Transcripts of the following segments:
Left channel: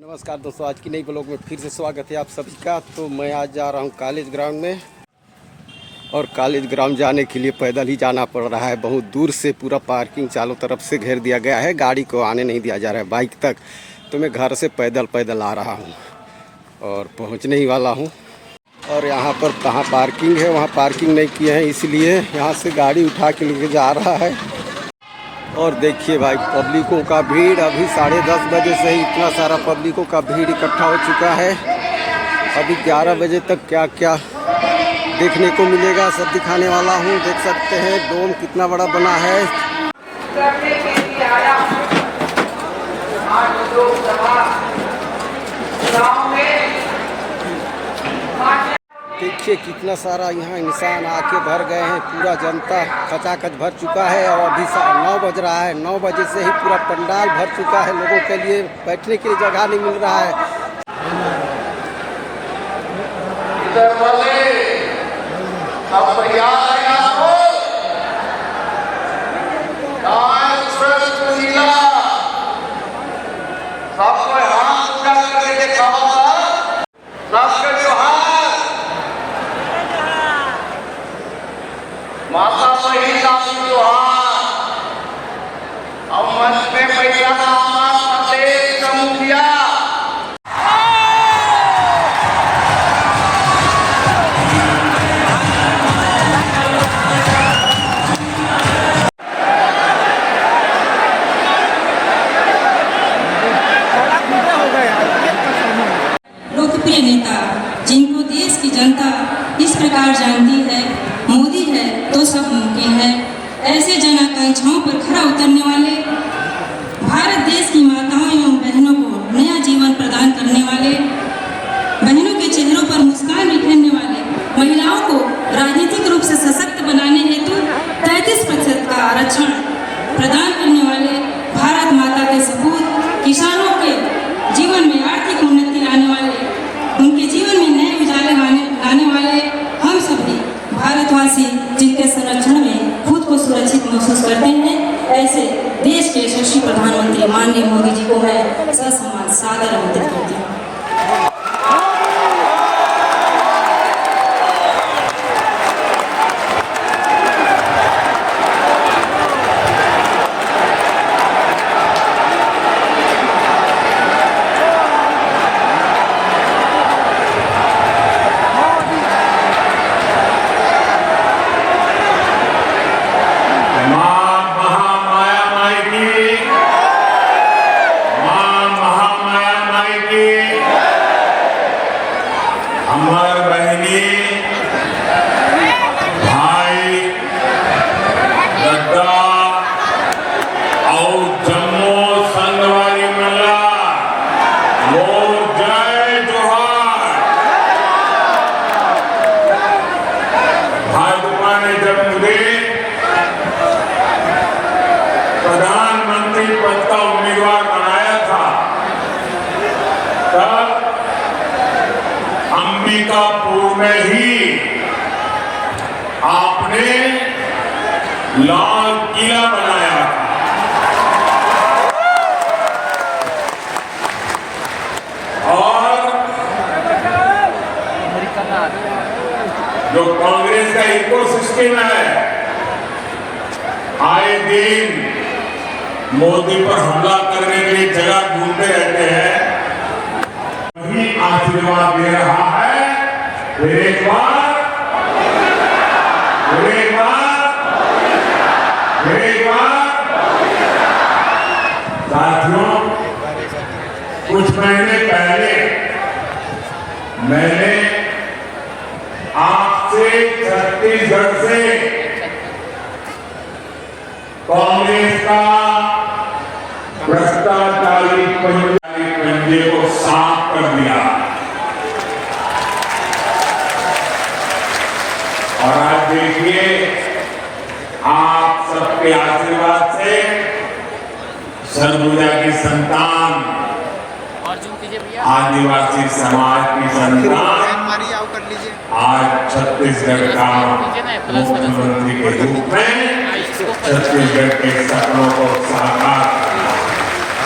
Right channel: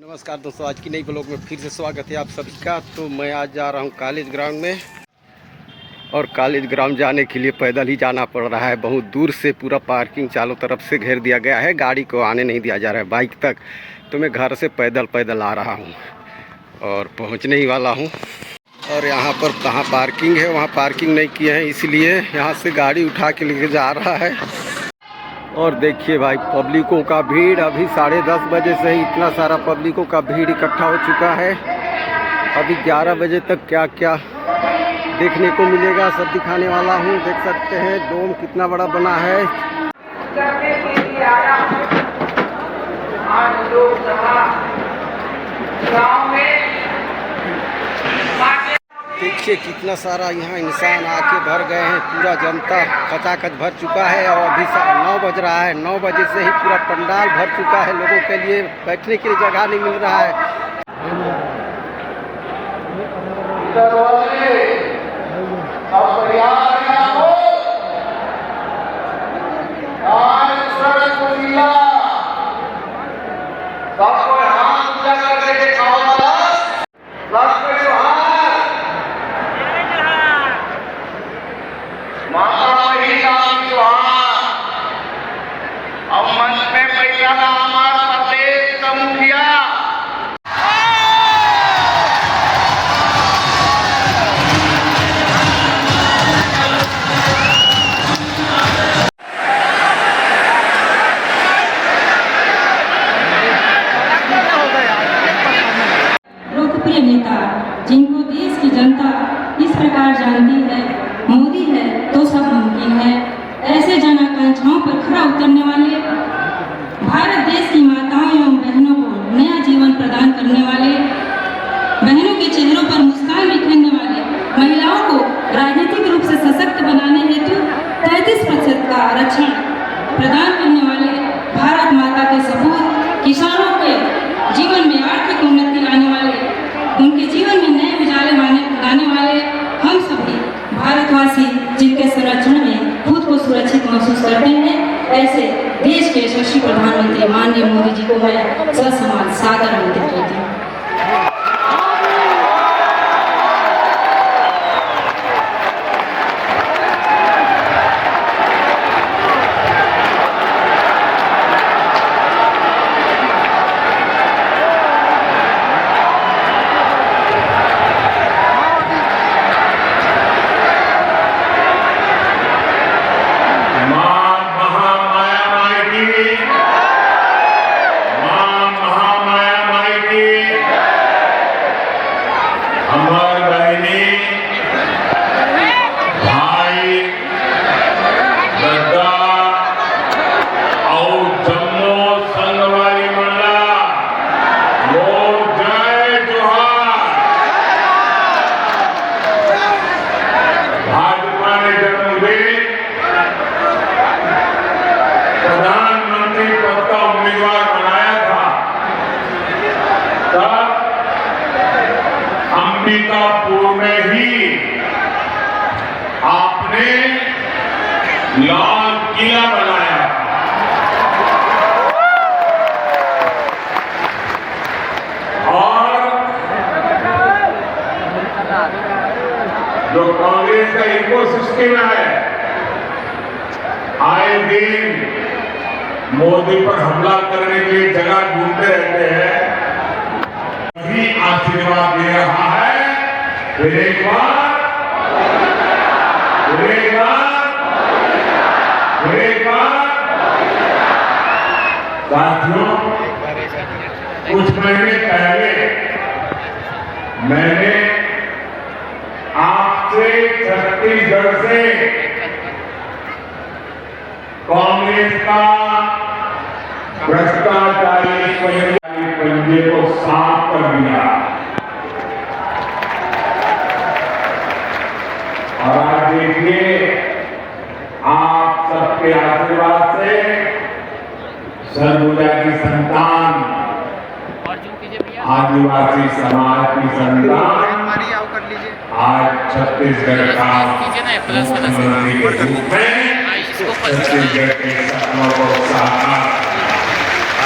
नमस्कार दोस्तों, आज की नई ब्लॉग में फिर से स्वागत है आप सभी का। तो मैं आज जा रहा हूं कॉलेज ग्राउंड में, और कॉलेज ग्राउंड जाने के लिए पैदल ही जाना पड़ रहा है। बहुत दूर से पूरा पार्किंग चारों तरफ से घेर दिया गया है, गाड़ी को आने नहीं दिया जा रहा है बाइक तक। तो मैं घर से पैदल आ रहा हूं और पहुंचने ही वाला हूं। और यहाँ पर कहाँ पार्किंग है, वहाँ पार्किंग नहीं किए हैं, इसलिए यहाँ से गाड़ी उठा के लेके जा रहा है। और देखिए भाई, पब्लिकों का भीड़ अभी 10:30 बजे से ही इतना सारा पब्लिकों का भीड़ इकट्ठा हो चुका है। अभी 11 बजे तक क्या क्या देखने को मिलेगा सब दिखाने वाला हूँ। देख सकते हैं डोम कितना बड़ा बना है। देखिए कितना सारा यहाँ इंसान आके भर गए हैं, पूरा जनता खचाखच भर चुका है। और अभी 9 बज रहा है, 9 बजे से ही पूरा पंडाल भर चुका है। लोगों के लिए बैठने के लिए जगह नहीं मिल रहा है। लोकप्रिय नेता जिनको देश की जनता इस प्रकार जानती है, मोदी है तो सब मुमकिन है। ऐसे जन आकांक्षाओं पर खरा उतरने वाले, भारत देश की माताओं एवं बहनों को नया जीवन प्रदान करने वाले, बहनों के चेहरों पर मुस्कान बिखेरने वाले, महिलाओं को राजनीतिक रूप से सशक्त बनाने हेतु 33% का आरक्षण प्रदान करने वाले, भारत माता के सपूत, किसानों के जीवन में आर्थिक उन्नति लाने वाले, उनके जीवन में नए उजाले लाने वाले हम सभी भारतवासी जिनके संरक्षण में खुद को सुरक्षित महसूस करते हैं, ऐसे देश के यशस्वी प्रधानमंत्री माननीय मोदी जी को मैं ससम्मान सादर आमंत्रित करती हूँ। हमारी बहनी भाई गद्दा और जम्मू संगवारी मंडला लोग जय जोहार। भाजपा ने जब मुझे प्रधानमंत्री पद का उम्मीदवार बनाया था, तब अंबिकापुर में ही आपने लाल किला बनाया और जो कांग्रेस का इकोसिस्टम है, आए दिन मोदी पर हमला करने के लिए जगह ढूंढते रहते हैं। आशीर्वाद दे रहा है। फिर एक बार साथियों, कुछ महीने पहले मैंने आपसे छत्तीसगढ़ से कांग्रेस का भ्रष्टाचारी पंजे को साफ कर दिया, और आज देखिए आप सबके आशीर्वाद से सरगुजा की संतान, आदिवासी समाज की संतान आज छत्तीसगढ़ का मुख्यमंत्री के रूप में छत्तीसगढ़ के सपनों को साकार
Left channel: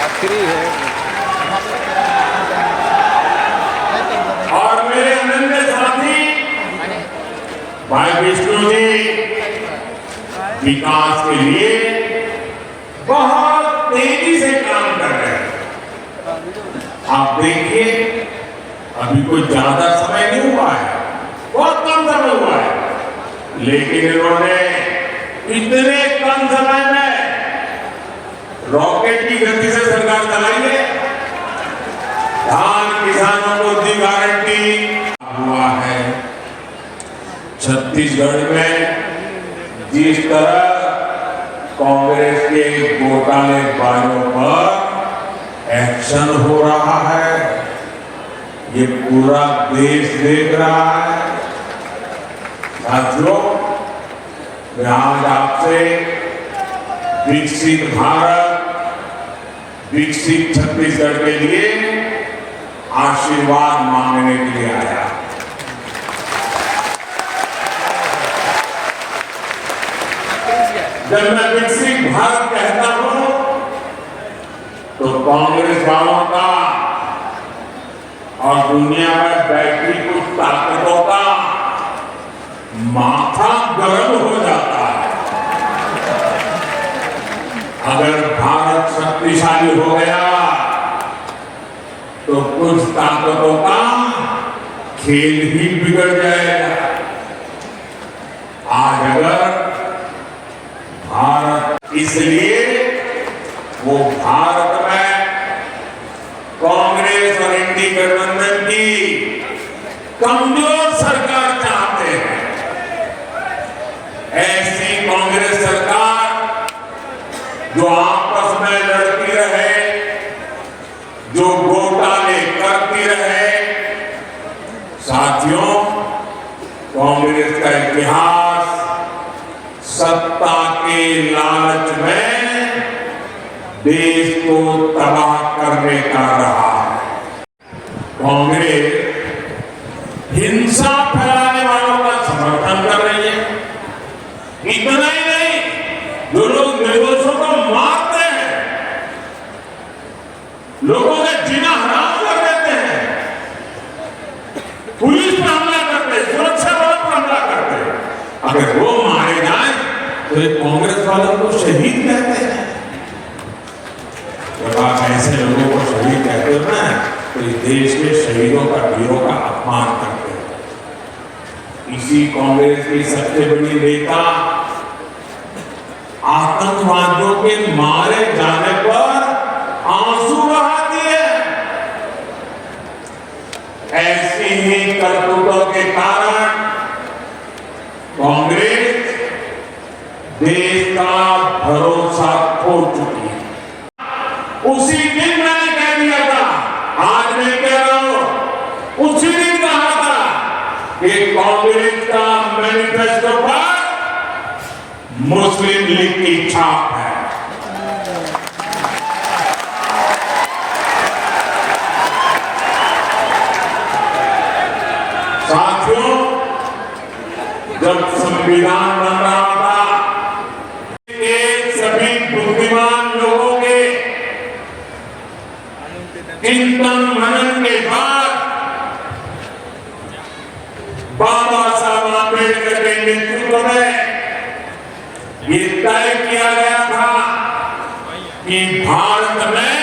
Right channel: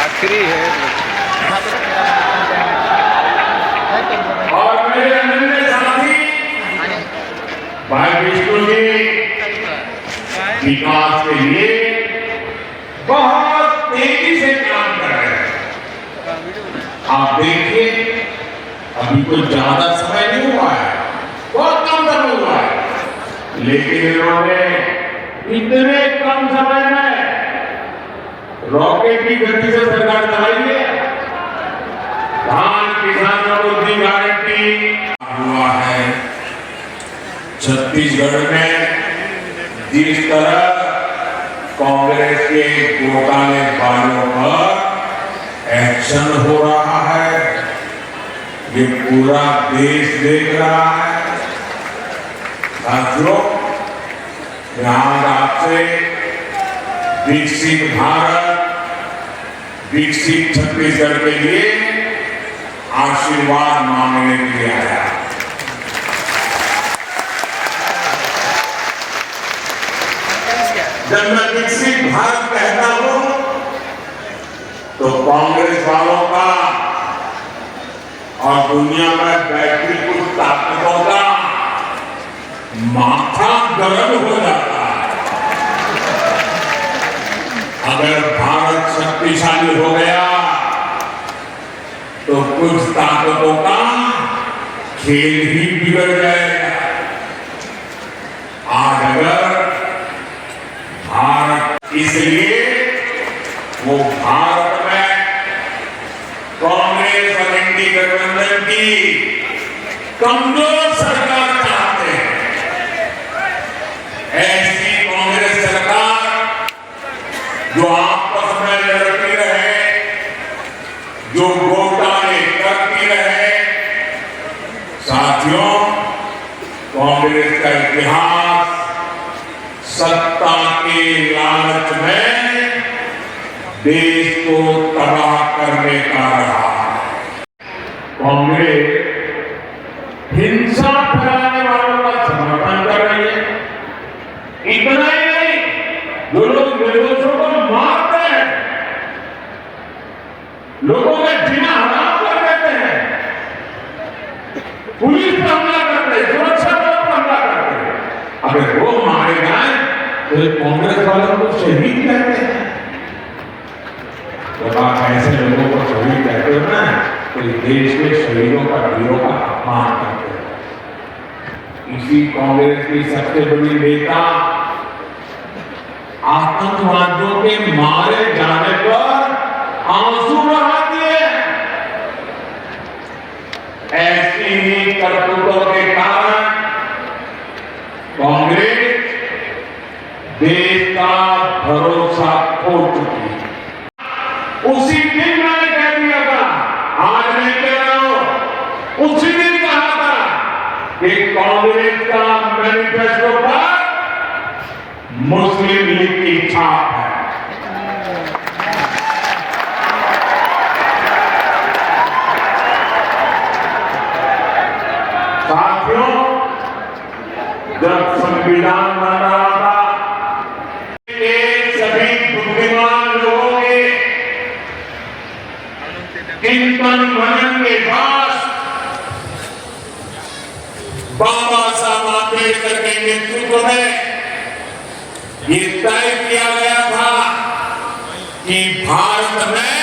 आखिरी है। भाई विष्णु जी विकास के लिए बहुत तेजी से काम कर रहे हैं। आप देखिए अभी कोई ज्यादा समय नहीं हुआ है, बहुत कम समय हुआ है, लेकिन इन्होंने इतने कम समय में रॉकेट की गति से सरकार चलाई है। धान किसानों को दी गारंटी हुआ है। छत्तीसगढ़ में जिस तरह कांग्रेस के घोटाले वालों पर एक्शन हो रहा है, ये पूरा देश देख रहा है। साथियों, मैं आज आपसे विकसित भारत, विकसित छत्तीसगढ़ के लिए आशीर्वाद मांगने के लिए आया। जब मैं विकसित भारत कहता हूं तो कांग्रेस वालों का और दुनिया में बैठी कुछ ताकतों का माथा गर्म हो जाता है। अगर भारत शक्तिशाली हो गया तो कुछ ताकतों का खेल ही बिगड़ जाएगा। आज अगर भारत, इसलिए वो भारत में कांग्रेस और एनडीए गठबंधन की कमजोर सरकार चाहते हैं। ऐसी कांग्रेस सरकार जो आपस में लड़ती रहे, जो घोटाले करती रहे। साथियों, कांग्रेस का इतिहास सत्ता के लालच में देश को तबाह करने का रहा है। कांग्रेस हिंसा फैलाने वालों का समर्थन कर रही है। इतना ही नहीं, जो लोग निर्दोषों को मारते हैं, लोगों का जीना हराम कर देते हैं, पुलिस पर हमला करते हैं, सुरक्षा बलों पर हमला करते हैं, अगर वो मारे जाए तो ये कांग्रेस वालों को शहीद कहते हैं। जब आप ऐसे लोगों को शहीद कहते हो ना, तो इस देश के शहीदों का, वीरों का अपमान करते हैं। इसी कांग्रेस की सबसे बड़ी नेता आतंकवादियों के मारे जाने पर आंसू बहा दिए। ऐसी ही करतूतों के कारण कांग्रेस देश का भरोसा खो चुकी है। उसी दिन मैंने कह दिया था, आज मैं कह रहा हूं, उसी दिन कहा था कि कांग्रेस का मैनिफेस्टो पर मुस्लिम लीग की छाप है। साथियों, जब संविधान बन रहा था, सभी बुद्धिमान लोगों के चिंतन मनन के बाद बाबा साहब अम्बेडकर के नेतृत्व में ये तय किया गया था कि भारत में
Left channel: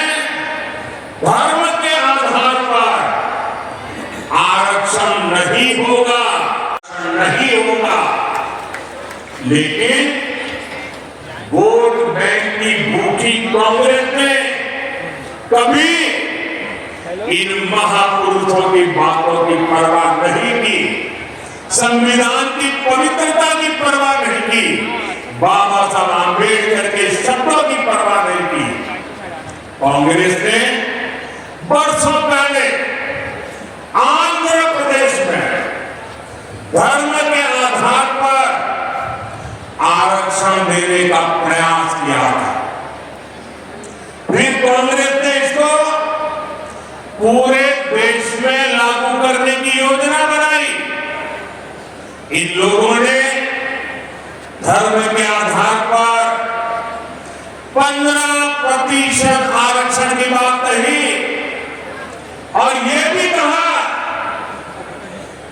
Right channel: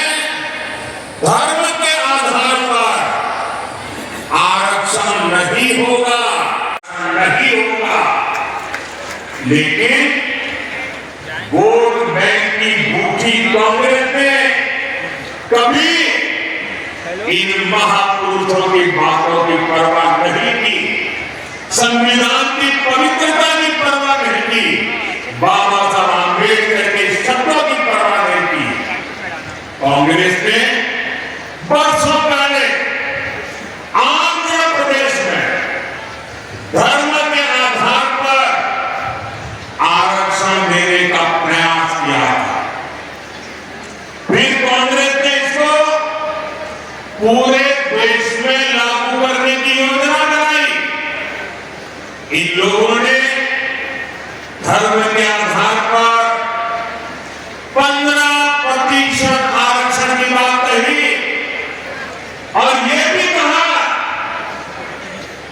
धर्म के आधार पर आरक्षण नहीं होगा, नहीं होगा। लेकिन वोट बैंक की भूखी कांग्रेस ने कभी इन महापुरुषों की बातों की परवाह नहीं की, संविधान की पवित्रता की परवाह नहीं की, बाबा साहब अम्बेडकर के शब्दों की परवाह नहीं की। कांग्रेस ने वर्षों पहले आंध्र प्रदेश में धर्म के आधार पर आरक्षण देने का प्रयास किया था। फिर कांग्रेस ने इसको पूरे देश में लागू करने की योजना बनाई। इन लोगों ने धर्म के आधार पर 15% आरक्षण की बात कही और यह भी कहा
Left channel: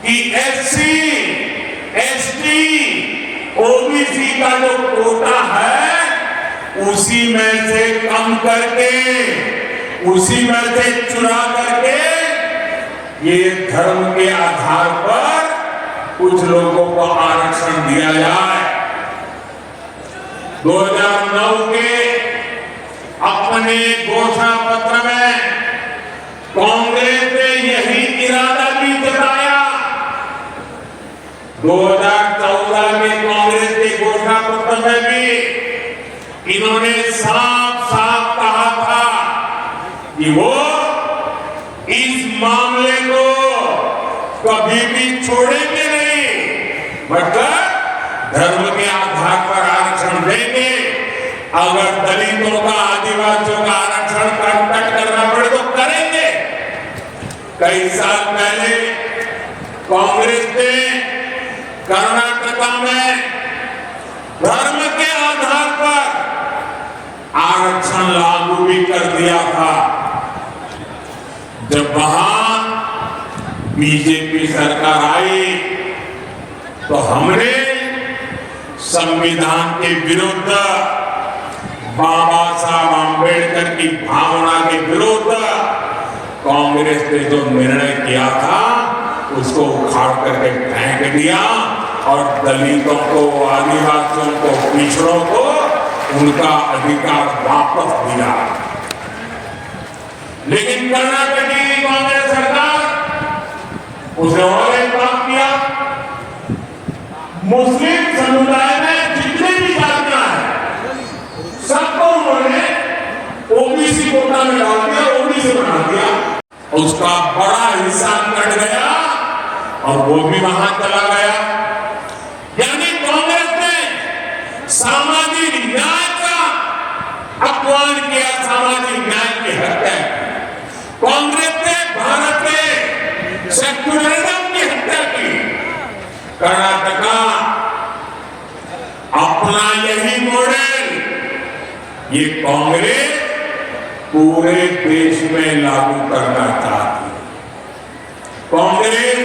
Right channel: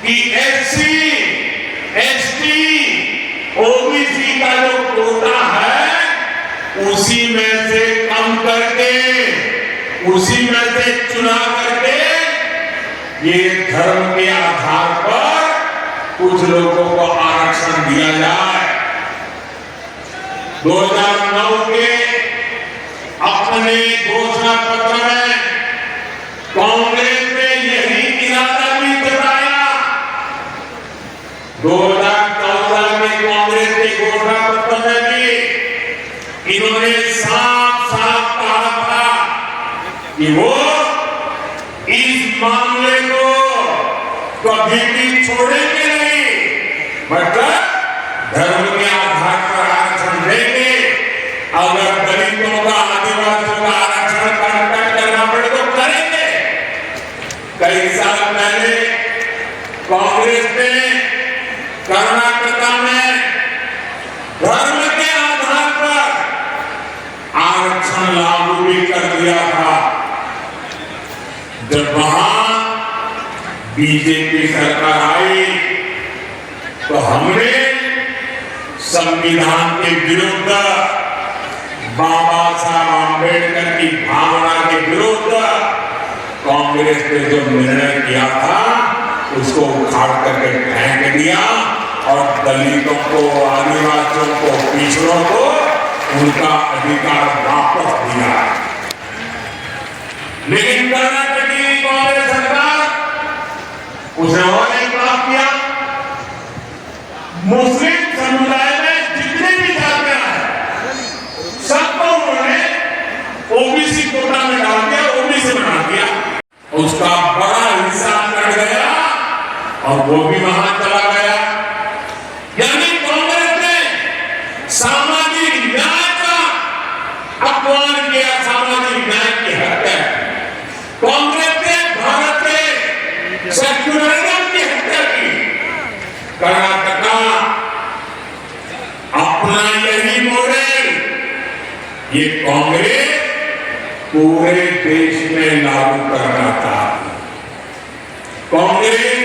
कि एससी, एसटी उसी में से कम करके, उसी में से चुना करके ये धर्म के आधार पर कुछ लोगों को आरक्षण दिया जाए। 2009 के अपने घोषणा पत्र में कांग्रेस ने यही इरादा भी जताया। 2014 में कांग्रेस के घोषणा पत्र में भी इन्होंने साफ साफ कहा था कि वो इस मामले को कभी भी छोड़ेंगे नहीं, मतलब धर्म के आधार पर आरक्षण देंगे। अगर दलितों का, आदिवासियों का आरक्षण कट करना पड़े तो करेंगे। कई साल पहले कांग्रेस ने कर्नाटक में धर्म के आधार पर आरक्षण लागू भी कर दिया था। जब वहां बीजेपी सरकार आई तो हमने संविधान के विरुद्ध, बाबा साहब आंबेडकर की भावना के विरुद्ध कांग्रेस ने जो निर्णय किया था उसको उखाड़ करके फेंक दिया और दलितों को, आदिवासियों को, पिछड़ों को उनका अधिकार वापस दिया। लेकिन कर्नाटक की कांग्रेस सरकार उसने और एक काम किया। मुस्लिम समुदाय में जितने भी जातियां हैं सबको उन्होंने ओबीसी कोटा में डाल दिया, ओबीसी बना दिया। उसका बड़ा हिस्सा कट गया और वो भी वहां चला गया। यानी कांग्रेस ने सामाजिक न्याय का अपमान किया, सामाजिक न्याय की हत्या की। कांग्रेस ने भारत के सेक्युलरिज्म की हत्या की। कर्नाटक अपना यही मॉडल ये कांग्रेस पूरे देश में लागू करना चाहती। कांग्रेस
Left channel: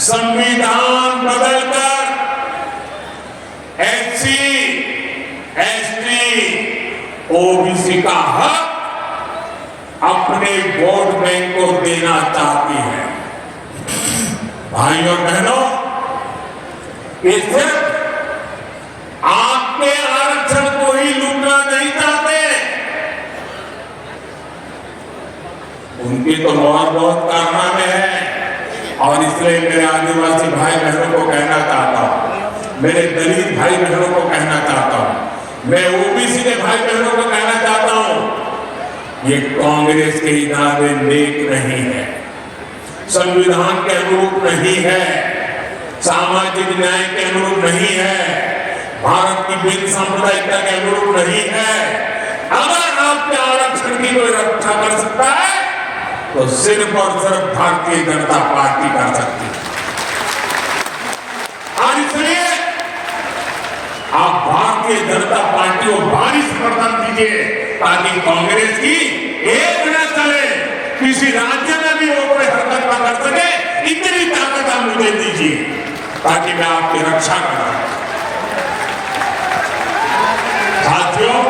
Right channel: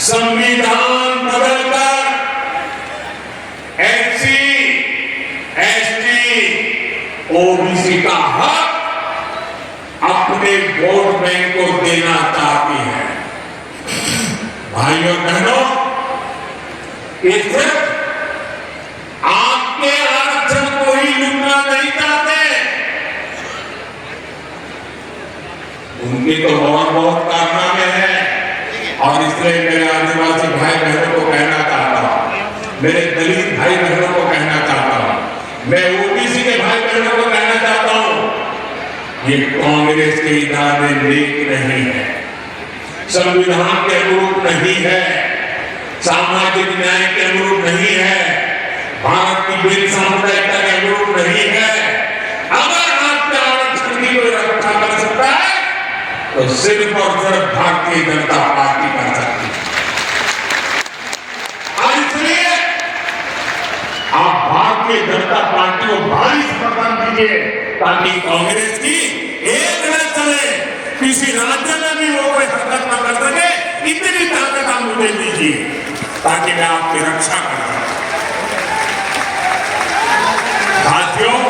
संविधान बदलकर एससी, एसटी, ओबीसी का हक अपने वोट बैंक को देना चाहती है। भाइयों बहनों, ये सिर्फ आपके आरक्षण को ही लूटना नहीं चाहते, उनके तो बहुत कारनामे हैं। और इसलिए मेरे आदिवासी भाई बहनों को कहना चाहता हूं, मेरे दलित भाई बहनों को कहना चाहता हूं, मैं ओबीसी के भाई बहनों को कहना चाहता हूं, ये कांग्रेस के इरादे नेक नहीं है, संविधान के अनुरूप नहीं है, सामाजिक न्याय के अनुरूप नहीं है, भारत की बिल सामुदायिकता के अनुरूप नहीं है। अगर आपके आरक्षण की कोई रक्षा कर सकता है तो सिर्फ और सिर्फ भारतीय जनता पार्टी कर सकती है। और इसलिए आप भारतीय जनता पार्टी को भारी समर्थन दीजिए ताकि कांग्रेस की एक न चले, किसी राज्य में भी वो कोई हरकत न कर सके, इतनी ताकत आप मुझे दीजिए ताकि मैं आपकी रक्षा कर सकूं। साथियों,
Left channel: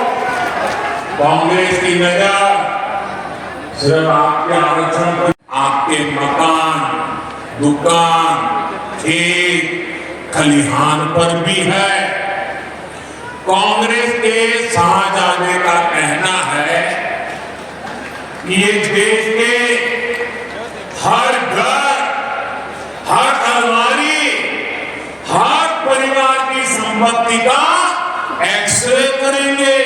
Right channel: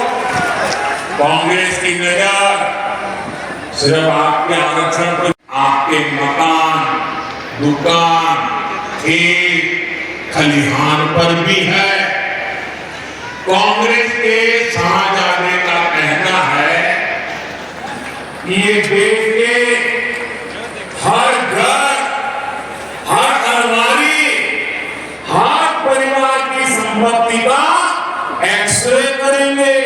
कांग्रेस की नजर सिर्फ आपके आरक्षण पर, आपके मकान, दुकान, खेत, खलिहान पर भी है। कांग्रेस के शाहजादे का कहना है कि ये देश के हर घर, हर अलमारी, हर परिवार की संपत्ति का एक्सरे करेंगे।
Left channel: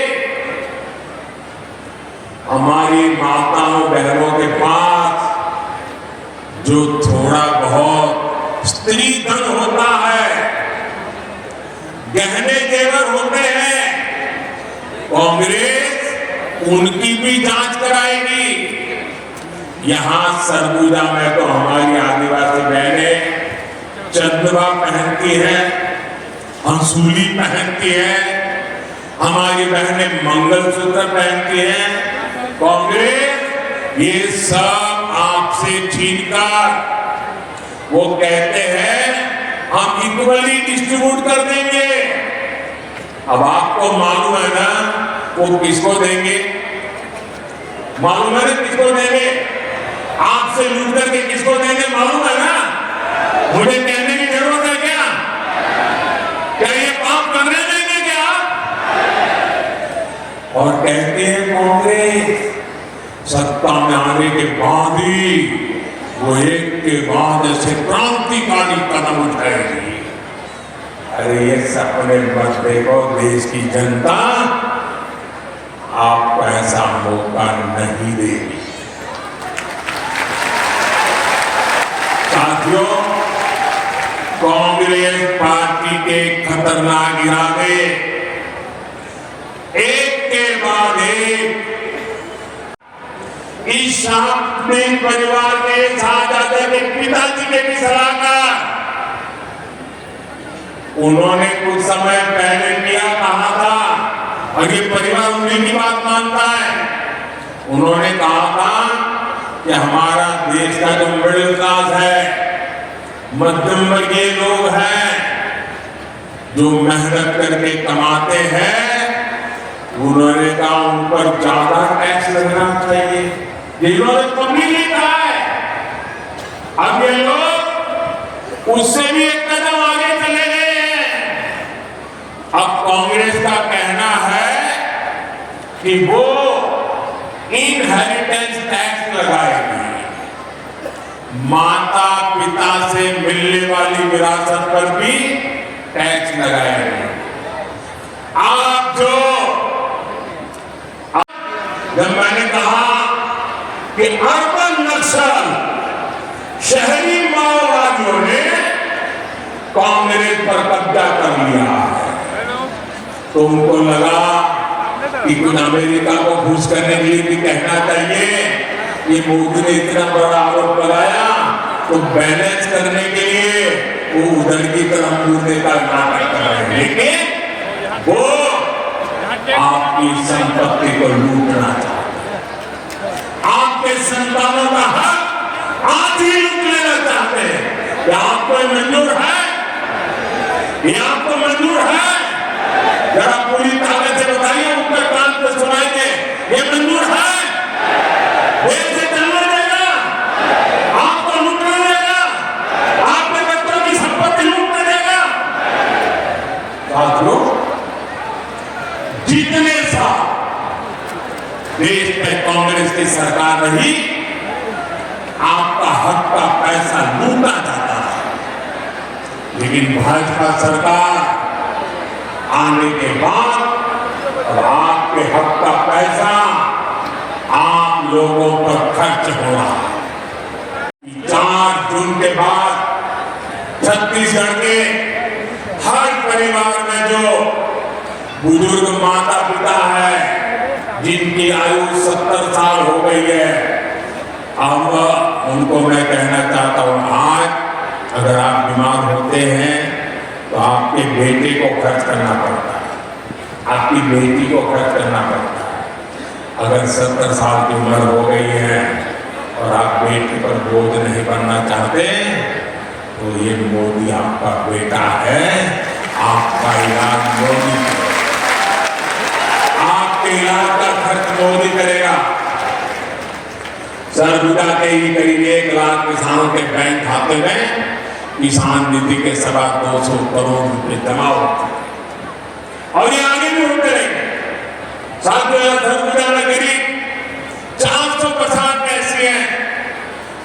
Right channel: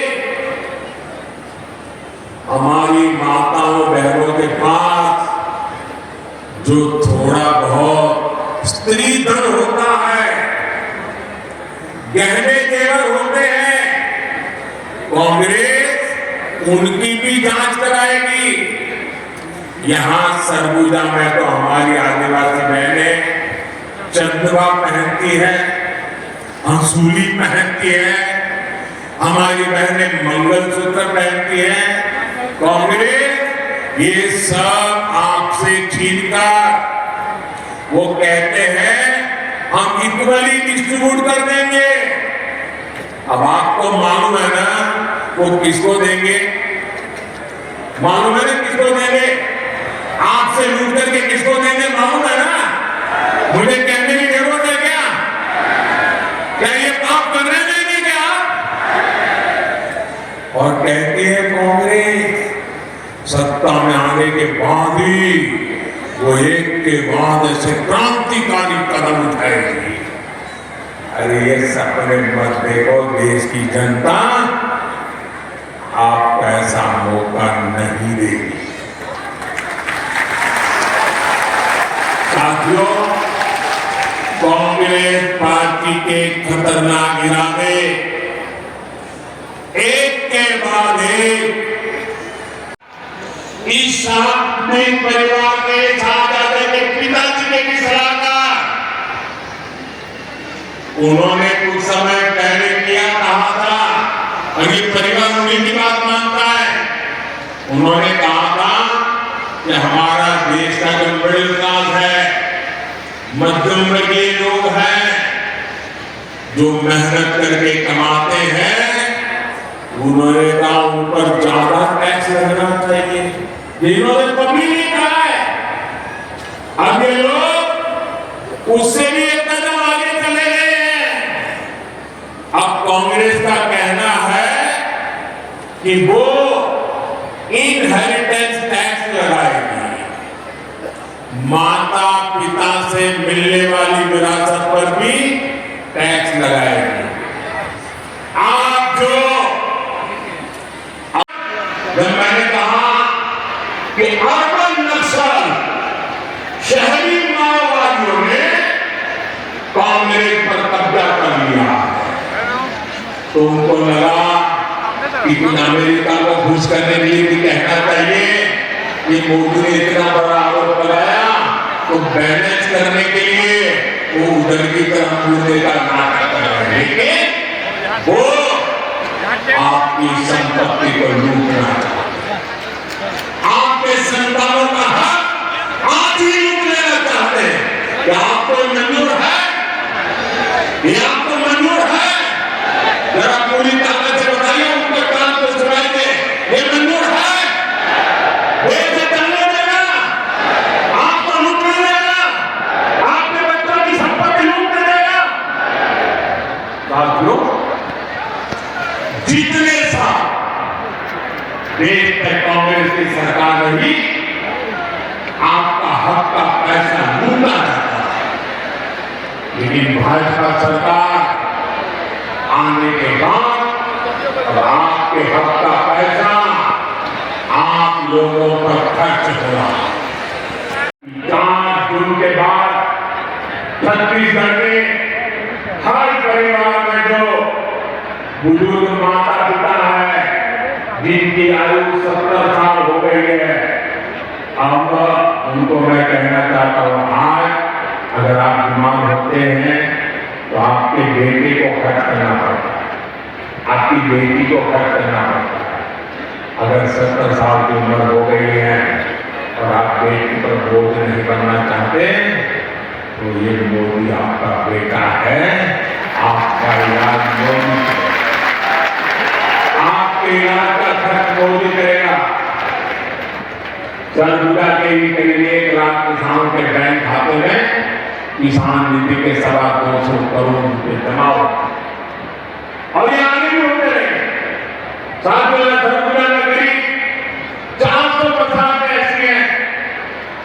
हमारी माताओं बहनों के पास जो थोड़ा बहुत स्त्री धन होता है, गहने जेवर होते हैं, कांग्रेस उनकी भी जांच कराएगी। यहां सरगुजा में तो हमारी आदिवासी बहनें चंद्रमा पहनती है, हंसूली पहनती है, हमारी बहनें मंगलसूत्र पहनती हैं। कांग्रेस ये सब आपसे छीनकर वो कहते हैं हम इक्वली डिस्ट्रीब्यूट कर देंगे। अब आपको मालूम है ना वो किसको देंगे? मालूम है ना किसको देंगे? आपसे लूट करके किसको देंगे मालूम है ना? मुझे कहने की जरूरत है क्या? क्या ये पाप करने देंगे क्या? और कहते हैं कांग्रेस सत्ता में आने के बाद ही वो एक के बाद ऐसे क्रांतिकारी कदम उठाएगी। अरे ये सपने मत देखो, देश की जनता आपको ऐसा मौका नहीं देगी। साथियों, कांग्रेस पार्टी के खतरनाक इरादे एक के बाद एक इस अपने परिवार के साथ के पिताजी के भी सलाहकार उन्होंने कुछ समय पहले किया कहा था, और ये परिवार उन्हीं की बात मानता है। उन्होंने कहा था कि हमारा देश का जो मिडिल क्लास है, मध्यम वर्गीय लोग हैं, जो मेहनत करके कमाते हैं, उन्होंने कहा उन पर ज्यादा टैक्स लगना चाहिए। इन्होंने कभी नहीं कहा है। अब ये लोग उससे भी एक कदम आगे चले गए हैं। अब कांग्रेस का कहना है कि वो इनहेरिटेंस टैक्स लगाएगी, माता पिता से मिलने वाली विरासत पर भी टैक्स लगाएगी। आप जब मैंने कहा कि अर्बन नक्सल शहरी माओवादियों ने कांग्रेस पर कब्जा कर लिया है, तो उनको लगा कि कुछ अमेरिका को खुश करने के लिए भी कहना चाहिए कि मोदी ने इतना बड़ा आरोप लगाया, तो बैलेंस करने के लिए वो उधर की तरफ मुद्दे का नाटक कर रहे हैं, लेकिन वो आपकी संपत्ति को लूटना चाहते, आपके संतानों का हक आज ही लूट लेना चाहते हैं। क्या आपको मंजूर है? ये आपको मंजूर है? जरा पूरी ताकत से बताइए, ऊपर कान को सुनाइए, ये मंजूर है? ये चलने देगा? आपको लूटने देगा? आपके बच्चों की संपत्ति लूटने देगा? साथियों, जितने साल देश में कांग्रेस की सरकार रही, आपका हक का पैसा लूटा जाता है, लेकिन भाजपा सरकार आने के बाद अब आपके हक का पैसा आप लोगों पर खर्च हो रहा है। 4 जून के बाद छत्तीसगढ़ के हर परिवार में जो बुजुर्ग माता पिता है, जिनकी आयु 70 साल हो गई है, अब उनको मैं कहना चाहता हूं, आज अगर आप बीमार होते हैं तो आपके बेटे को खर्च करना पड़ता है, आपकी बेटी को खर्च करना पड़ता है। अगर 70 साल की उम्र हो गई है और आप बेटी पर बोझ नहीं बनना चाहते, तो ये मोदी आपका बेटा है, आपका इलाज मोदी करेगा, आपके इलाज का खर्च मोदी करेगा। सरगुजा के ही करीब 1 लाख किसानों के बैंक खाते में किसान निधि के 250 करोड़ रुपए जमा होते हैं, और ये आगे भी होते रहेंगे। साथियों, सरगुजा में करीब 450 ऐसी हैं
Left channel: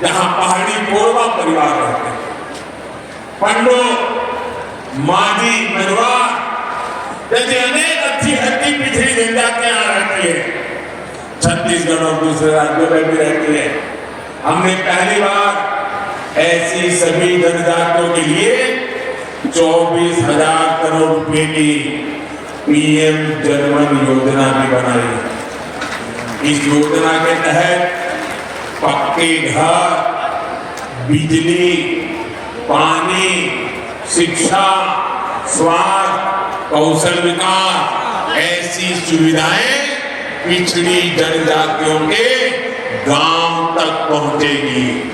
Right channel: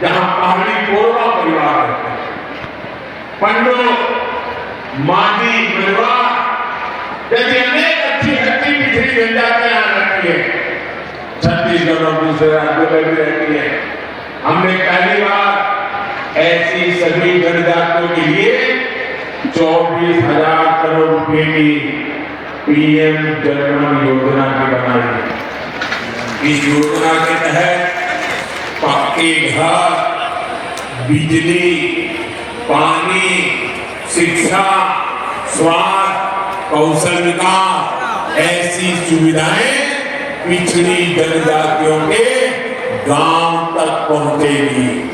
जहां पहाड़ी कोरबा परिवार रहते हैं, पंडो, मांझी, मेवाड़ जैसी अनेक अच्छी हड्डी पिछड़ी जनजातियां रहती है, छत्तीसगढ़ और दूसरे राज्यों में भी रहती है। हमने पहली बार ऐसी सभी जनजातियों के लिए 24,000 करोड़ रुपए की पीएम जनधन योजना भी बनाई है। इस योजना के तहत पक्के घर, बिजली, पानी, शिक्षा, स्वास्थ्य, कौशल विकास ऐसी सुविधाएं पिछड़ी जनजातियों के गांव तक पहुंचेगी।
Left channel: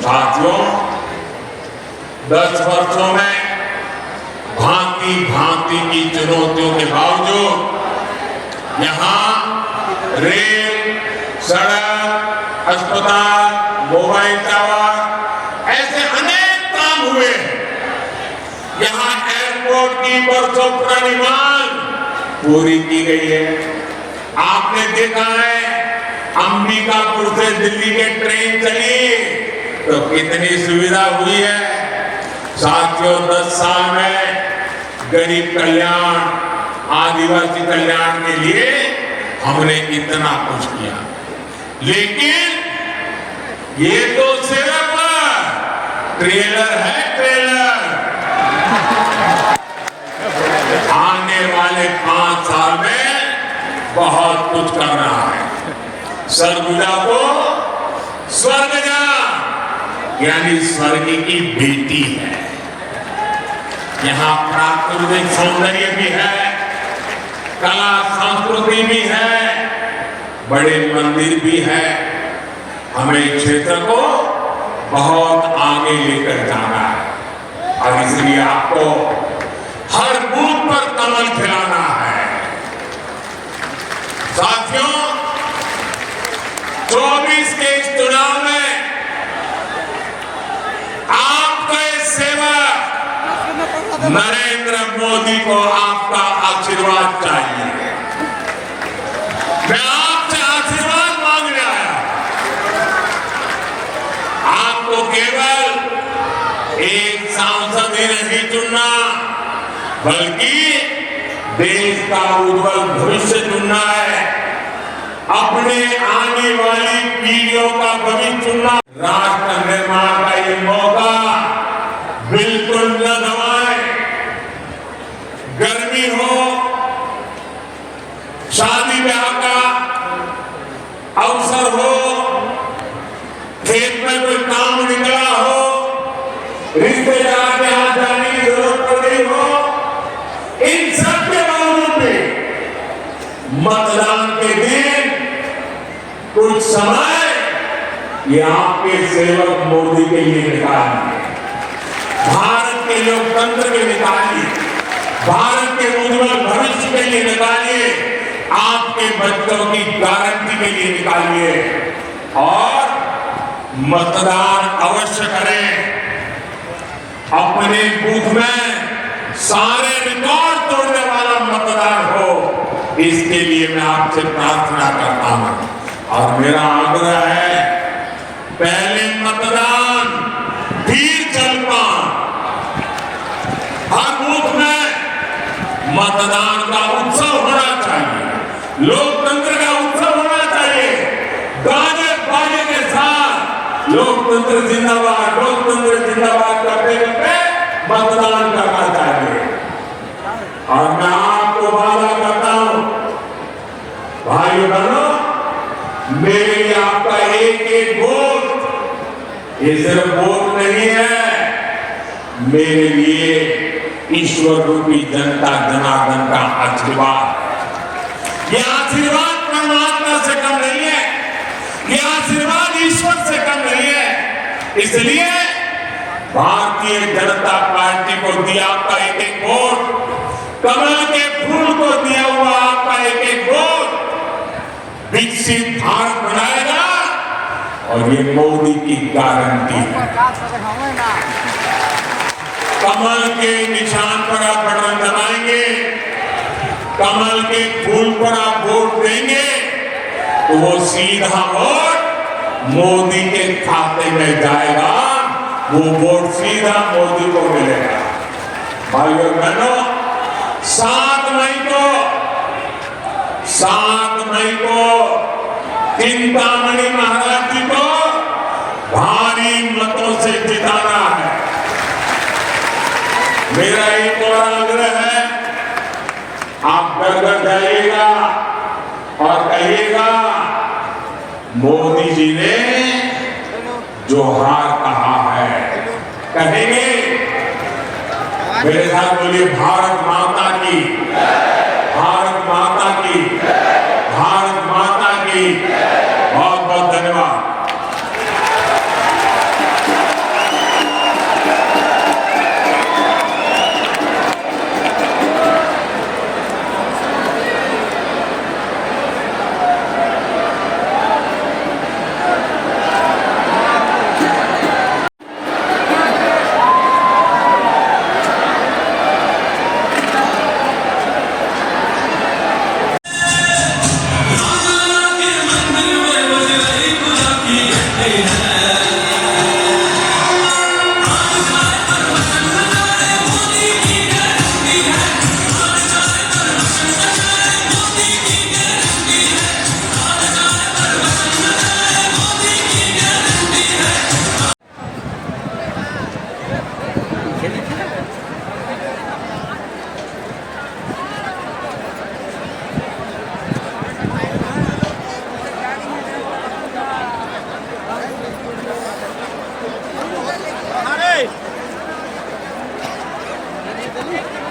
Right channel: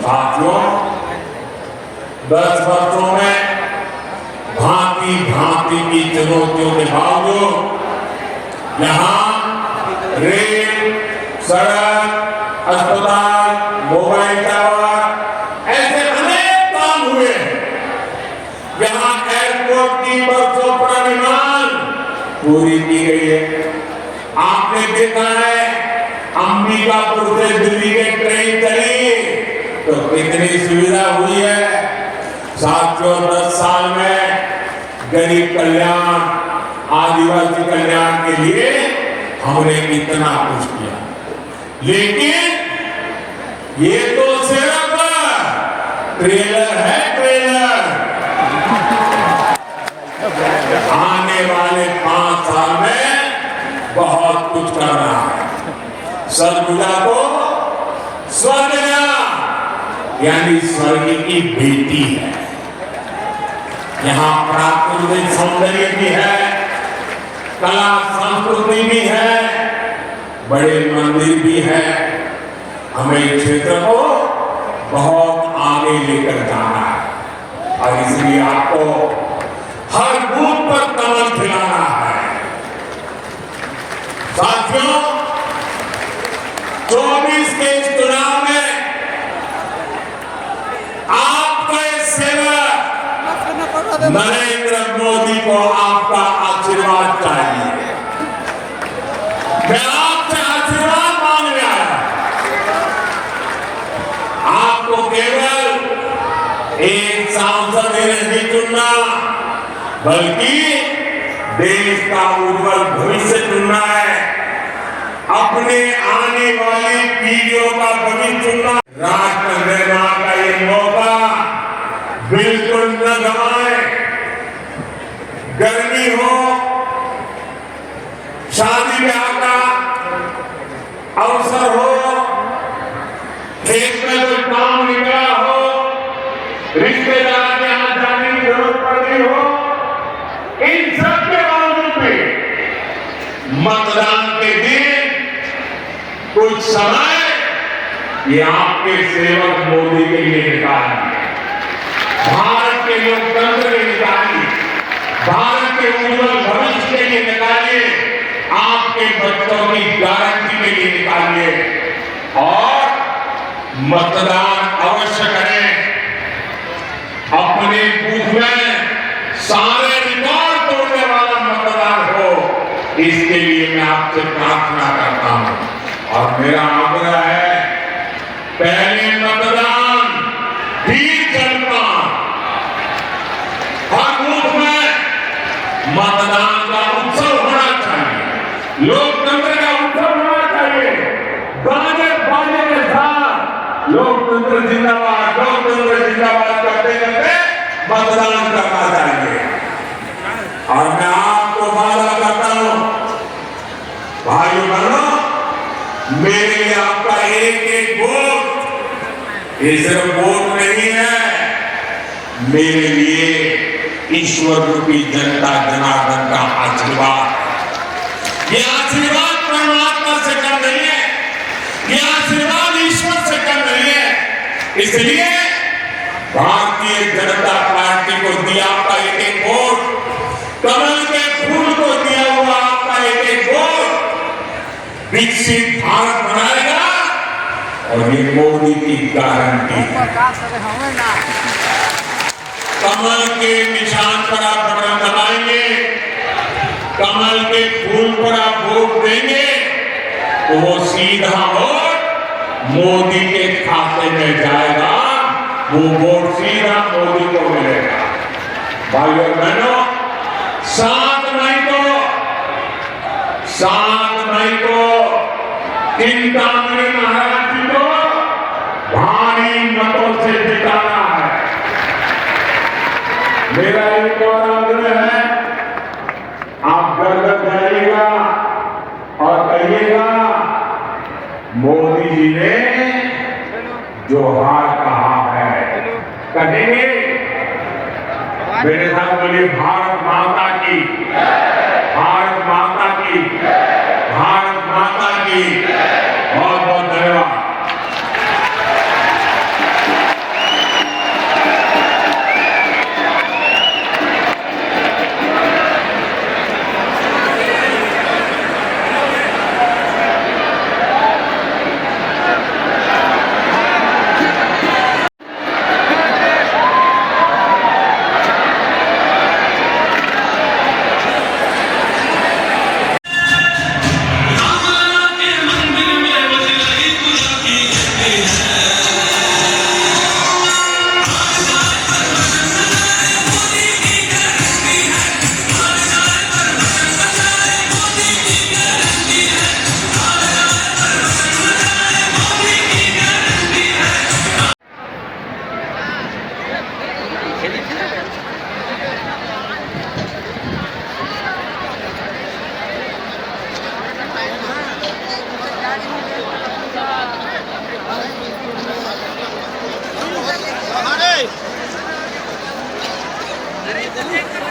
साथियों, 10 वर्षों में भांति भांति की चुनौतियों के बावजूद यहाँ रेल, सड़क, अस्पताल, मोबाइल टावर ऐसे अनेक काम हुए हैं। यहाँ एयरपोर्ट की बरसों पुरानी मांग पूरी की गई है। आपने देखा है अंबिकापुर से दिल्ली के ट्रेन चली तो कितनी सुविधा हुई है। साथियों 10 साल में गरीब कल्याण, आदिवासी कल्याण के लिए हमने इतना कुछ किया, लेकिन ये तो सिर्फ ट्रेलर है, ट्रेलर। आने वाले 5 साल में बहुत कुछ करना है। सरगुजा को स्वर्गजा यानी स्वर्ग की बेटी है। यहाँ प्राकृतिक सौंदर्य भी है, कला संस्कृति भी है, बड़े मंदिर भी है। हमें क्षेत्र को बहुत आगे लेकर जाना है और इसलिए आपको हर बूथ पर कमल खिलाना है। साथियों 24 के इस चुनाव में आपके सेवक नरेंद्र मोदी को आपका आशीर्वाद चाहिए। मैं आपसे आशीर्वाद मांगने आया। आपको केवल एक सांसद ही नहीं चुनना, बल्कि देश का उज्जवल भविष्य चुनना है। अपने आने वाली पीढ़ियों का भविष्य चुनना। राष्ट्र निर्माण का ये मौका बिल्कुल न गंवाएं। गर्मी हो, शादी ब्याह का अवसर हो, खेत में कोई काम निकला हो, रिश्तेदार के यहाँ जाने की जरूरत पड़ रही हो, इन सब के बावजूद भी मतदान के दिन कुछ समय ये आपके सेवक मोदी के लिए निकालिए। भारत के लोकतंत्र के निकालिए, भारत के उज्जवल भविष्य के लिए निकालिए, आपके बच्चों की गारंटी के लिए निकालिए और मतदान अवश्य करें। अपने बूथ में सारे रिकॉर्ड तोड़ने वाला मतदान हो, इसके लिए मैं आपसे प्रार्थना करता हूं और मेरा आग्रह है पहले मतदान फिर जलपान। हर बूथ में मतदान का उत्सव होना चाहिए, लोकतंत्र का उत्सव होना चाहिए। गाने बाजे के साथ लोकतंत्र जिंदाबाद, लोकतंत्र जिंदाबाद करते करते मतदान करना चाहिए। और मैं आपको वादा करता हूं भाइयों बहनों, मेरे लिए आपका एक एक वोट ये सिर्फ वोट नहीं है, मेरे लिए ईश्वर रूपी जनता जनार्दन का आशीर्वाद। ये आशीर्वाद परमात्मा से कम नहीं है, ये आशीर्वाद ईश्वर से कम नहीं है। इसलिए भारतीय जनता पार्टी को दिया आपका एक एक वोट, कमल के फूल को दिया हुआ आपका एक एक वोट विकसित भारत बनाएगा और ये मोदी की गारंटी है। कमल के निशान पर आप बटन दबाएंगे, कमल के फूल पर आप वोट देंगे तो वो सीधा वोट मोदी के खाते में जाएगा, वो वोट सीधा मोदी को मिलेगा। भाइयों बहनों 7 मई को चिंतामणि महाराज जी को भारी मतों से जिताना है। मेरा एक और आग्रह है, आप गर्व करिएगा और कहिएगा मोदी जी ने जो हार कहा है, कहेंगे मेरे साथ बोलिए भारत माता की, भारत माता की, भारत माता की। बहुत बहुत धन्यवाद। है।